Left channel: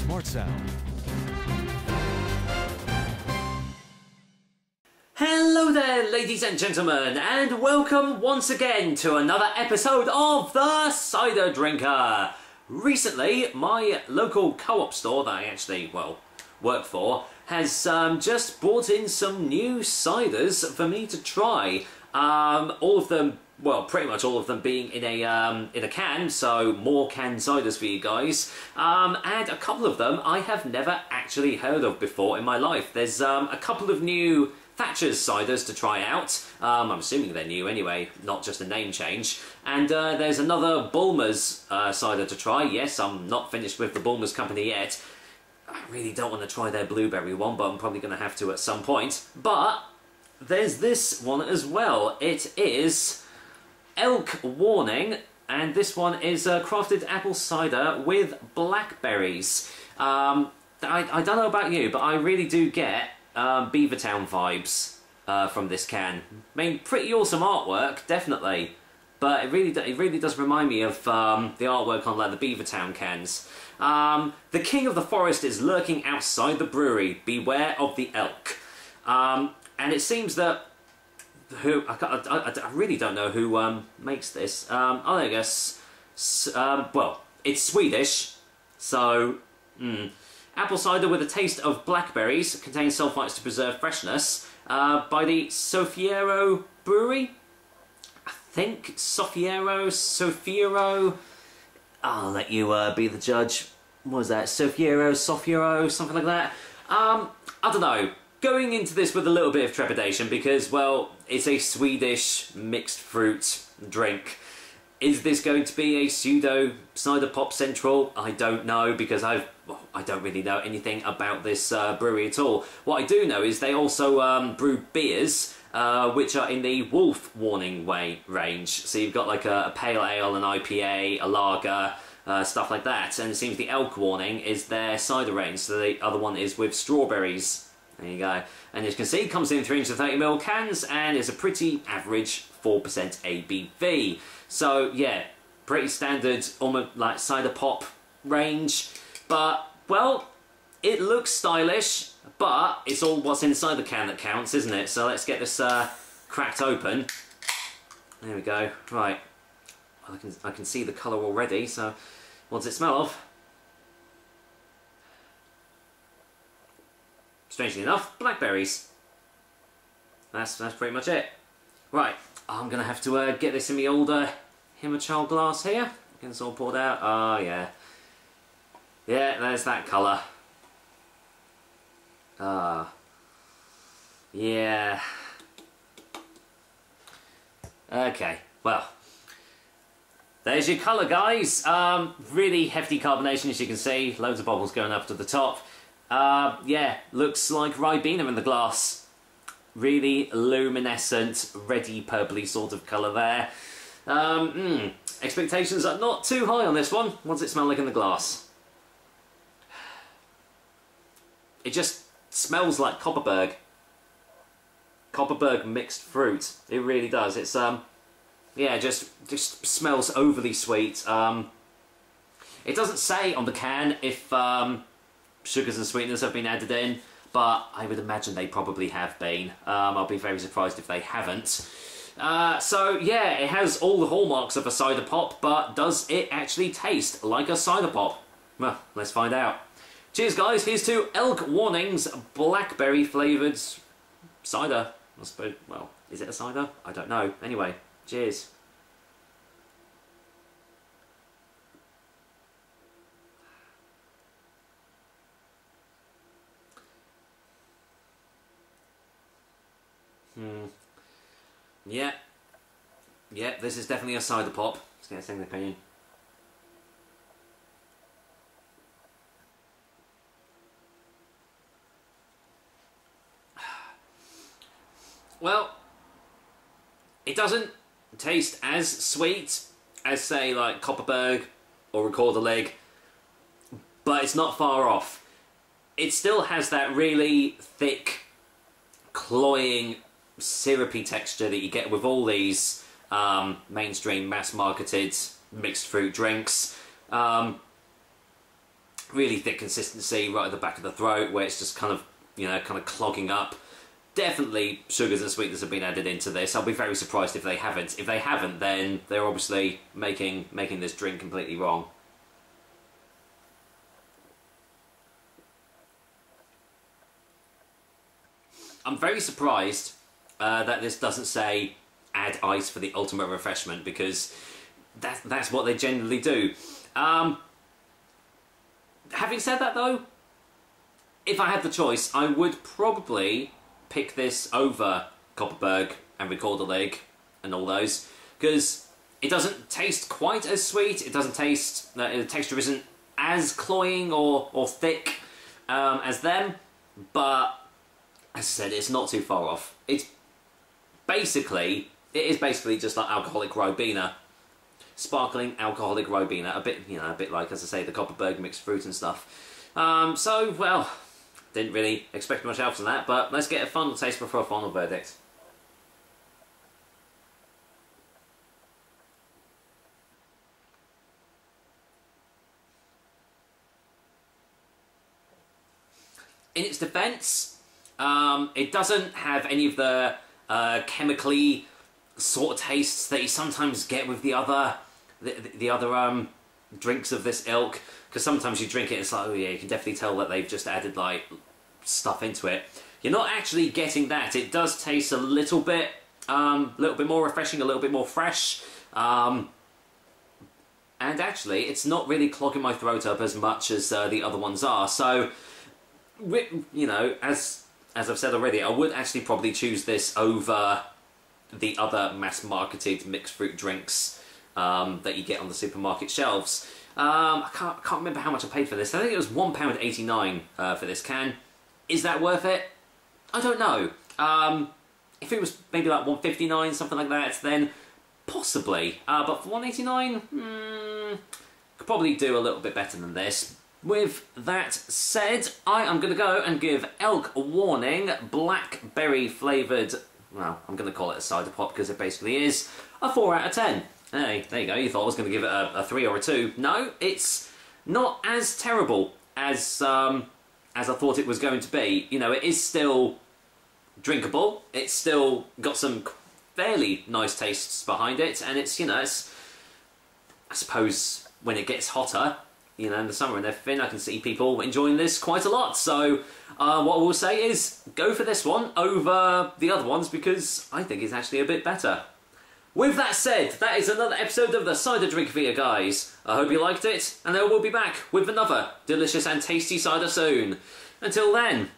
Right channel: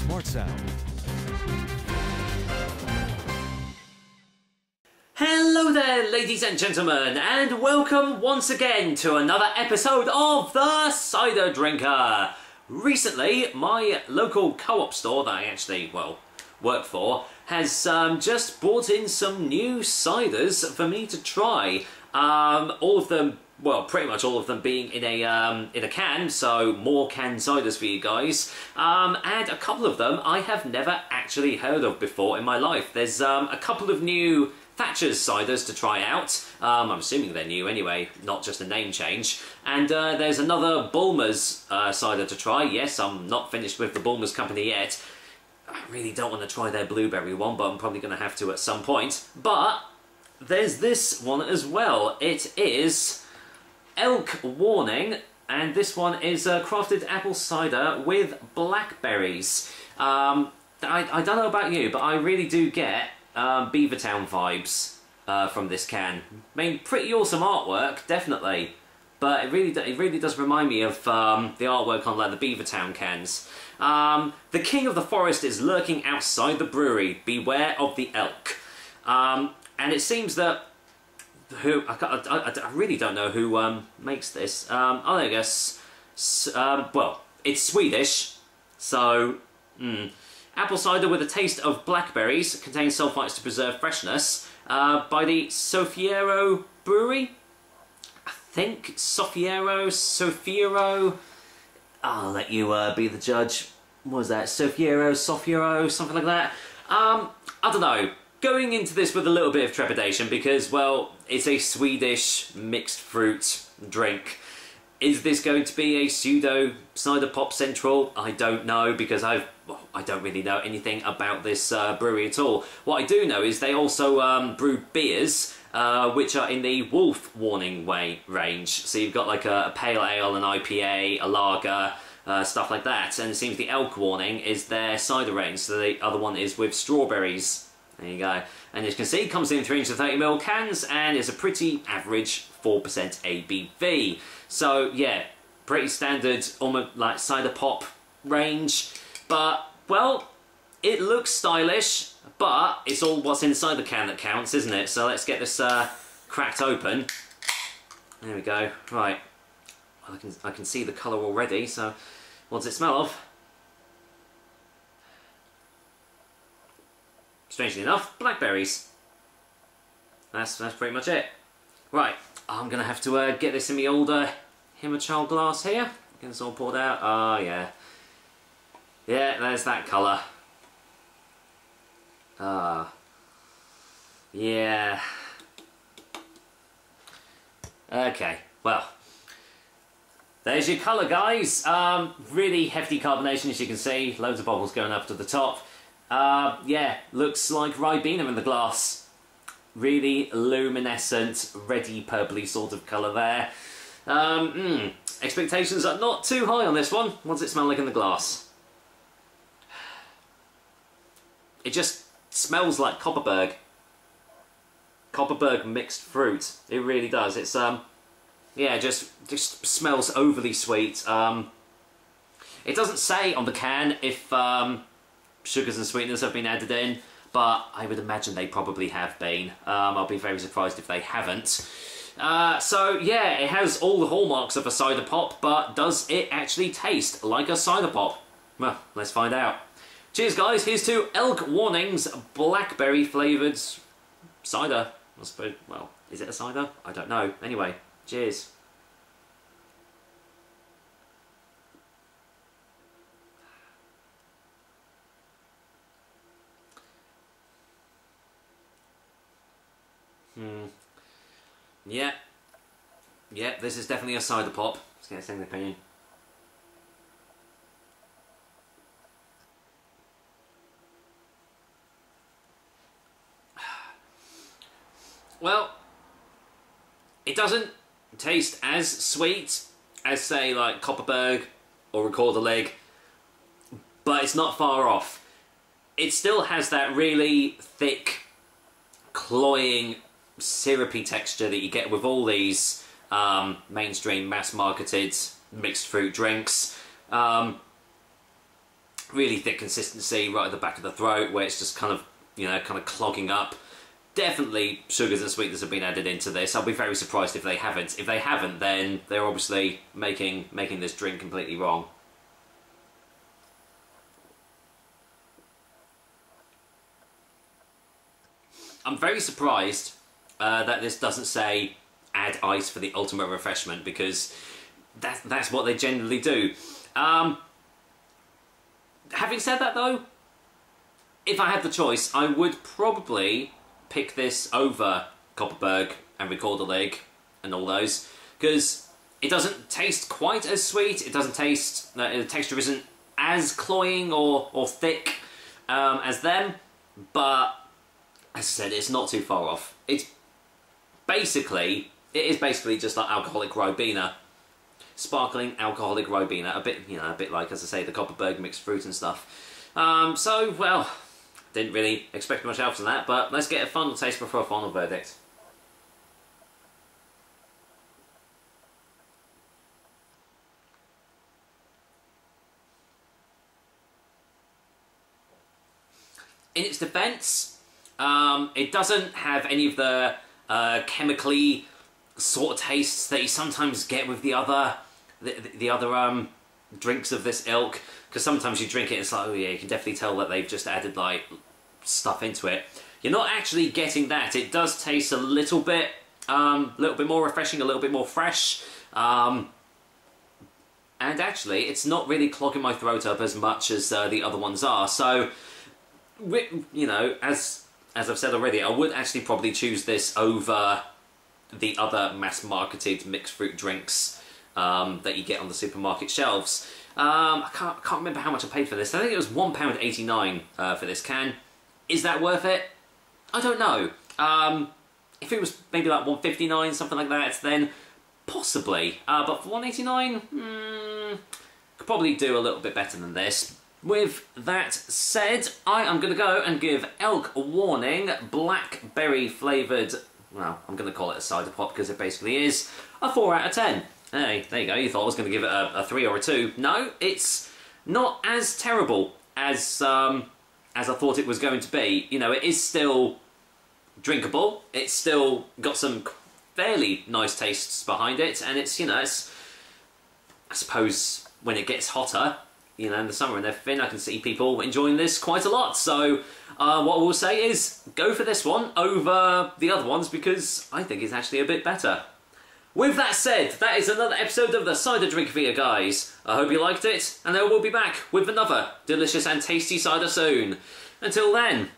Smart Sound. Hello there, ladies and gentlemen, and welcome once again to another episode of The Cider Drinker. Recently, my local co-op store that I actually, work for, has just brought in some new ciders for me to try. All of them, pretty much all of them being in a can, so more canned ciders for you guys. And a couple of them I have never actually heard of before in my life. There's a couple of new Thatcher's ciders to try out. I'm assuming they're new anyway, not just a name change. And there's another Bulmer's cider to try. Yes, I'm not finished with the Bulmer's company yet. I really don't want to try their blueberry one, but I'm probably going to have to at some point. But there's this one as well. It is Elk Warning, and this one is crafted apple cider with blackberries. I don't know about you, but I really do get Beavertown vibes from this can. I mean, pretty awesome artwork, definitely, but it really does remind me of the artwork on like the Beavertown cans. The king of the forest is lurking outside the brewery. Beware of the elk. And it seems that I really don't know who makes this. Oh, there you go. Well, it's Swedish, so. Apple cider with a taste of blackberries, contains sulfites to preserve freshness, by the Sofiero Brewery? I think Sofiero. I'll let you be the judge. What was that? Sofiero, something like that? I don't know. Going into this with a little bit of trepidation because, well, it's a Swedish mixed fruit drink. Is this going to be a pseudo cider pop central? I don't know, because I don't really know anything about this brewery at all. What I do know is they also brew beers, which are in the Wolf Warning range. So you've got like a pale ale, an IPA, a lager, stuff like that. And it seems the Elk Warning is their cider range, so the other one is with strawberries. There you go. And as you can see, it comes in 330ml cans and is a pretty average 4% ABV. So yeah, pretty standard, almost like cider pop range. But, well, it looks stylish, but it's all what's inside the can that counts, isn't it? So let's get this cracked open. There we go. Right. Well, I can see the colour already, so what does it smell of? Strangely enough, blackberries. That's pretty much it. Right, I'm going to have to get this in my old Himachal glass here. Get this all poured out. Oh, yeah. Yeah, there's that colour. Ah. Yeah. Okay, well. There's your colour, guys. Really hefty carbonation, as you can see. Loads of bubbles going up to the top. Yeah, looks like Ribena in the glass. Really luminescent, reddy purpley sort of colour there. Expectations are not too high on this one. What does it smell like in the glass? It just smells like Kopparberg. Kopparberg mixed fruit. It really does. It's yeah, just smells overly sweet. It doesn't say on the can if sugars and sweeteners have been added in, but I would imagine they probably have been. I'll be very surprised if they haven't. So yeah, it has all the hallmarks of a cider pop, but does it actually taste like a cider pop? Well, let's find out. Cheers, guys. Here's to Elk Warning's blackberry flavoured cider. I suppose, well, is it a cider? I don't know. Anyway, cheers. Yeah, this is definitely a cider pop. Let's get a second opinion. Well, it doesn't taste as sweet as, say, like Kopparberg or Recorderlig, but it's not far off. It still has that really thick, cloying, syrupy texture that you get with all these mainstream mass-marketed mixed fruit drinks. really thick consistency right at the back of the throat, where it's just kind of, you know, kind of clogging up. Definitely sugars and sweeteners have been added into this. I'll be very surprised if they haven't. If they haven't, then they're obviously making this drink completely wrong. I'm very surprised that this doesn't say add ice for the ultimate refreshment, because that's what they generally do. Having said that though, if I had the choice, I would probably pick this over Kopparberg and Recorder and all those, because it doesn't taste quite as sweet. It doesn't taste, the texture isn't as cloying or thick as them, but as I said, it's not too far off. It is basically just like alcoholic Ribena, sparkling alcoholic Ribena, a bit like, as I say, the Kopparberg mixed fruit and stuff. So, well, didn't really expect much else from that, but let's get a final taste before a final verdict. In its defence, it doesn't have any of the chemically sort of tastes that you sometimes get with the other drinks of this ilk, because sometimes you drink it and it's like, oh yeah, you can definitely tell that they've just added like stuff into it. You're not actually getting that. It does taste a little bit more refreshing, a little bit more fresh, and actually it's not really clogging my throat up as much as the other ones are. So, you know, as I've said already, I would actually probably choose this over the other mass-marketed mixed fruit drinks that you get on the supermarket shelves. I can't remember how much I paid for this. I think it was £1.89 for this can. Is that worth it? I don't know. If it was maybe like £1.59, something like that, then possibly. But for £1.89, could probably do a little bit better than this. With that said, I am going to go and give Elk Warning blackberry flavoured, well, I'm going to call it a cider pop because it basically is, a 4 out of 10. Hey, there you go, you thought I was going to give it a 3 or a 2. No, it's not as terrible as I thought it was going to be. You know, it is still drinkable, it's still got some fairly nice tastes behind it, and it's, you know, it's, I suppose when it gets hotter, you know, in the summer and everything, I can see people enjoying this quite a lot. So what I will say is go for this one over the other ones, because I think it's actually a bit better. With that said, that is another episode of the Cider Drink for you guys. I hope you liked it, and I will be back with another delicious and tasty cider soon. Until then,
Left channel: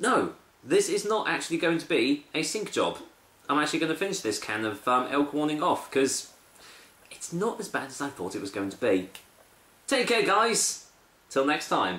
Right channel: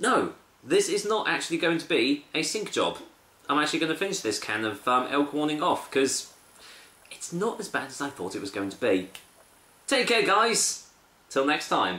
no, this is not actually going to be a sink job. I'm actually going to finish this can of Elk Warning off, because it's not as bad as I thought it was going to be. Take care, guys. Till next time.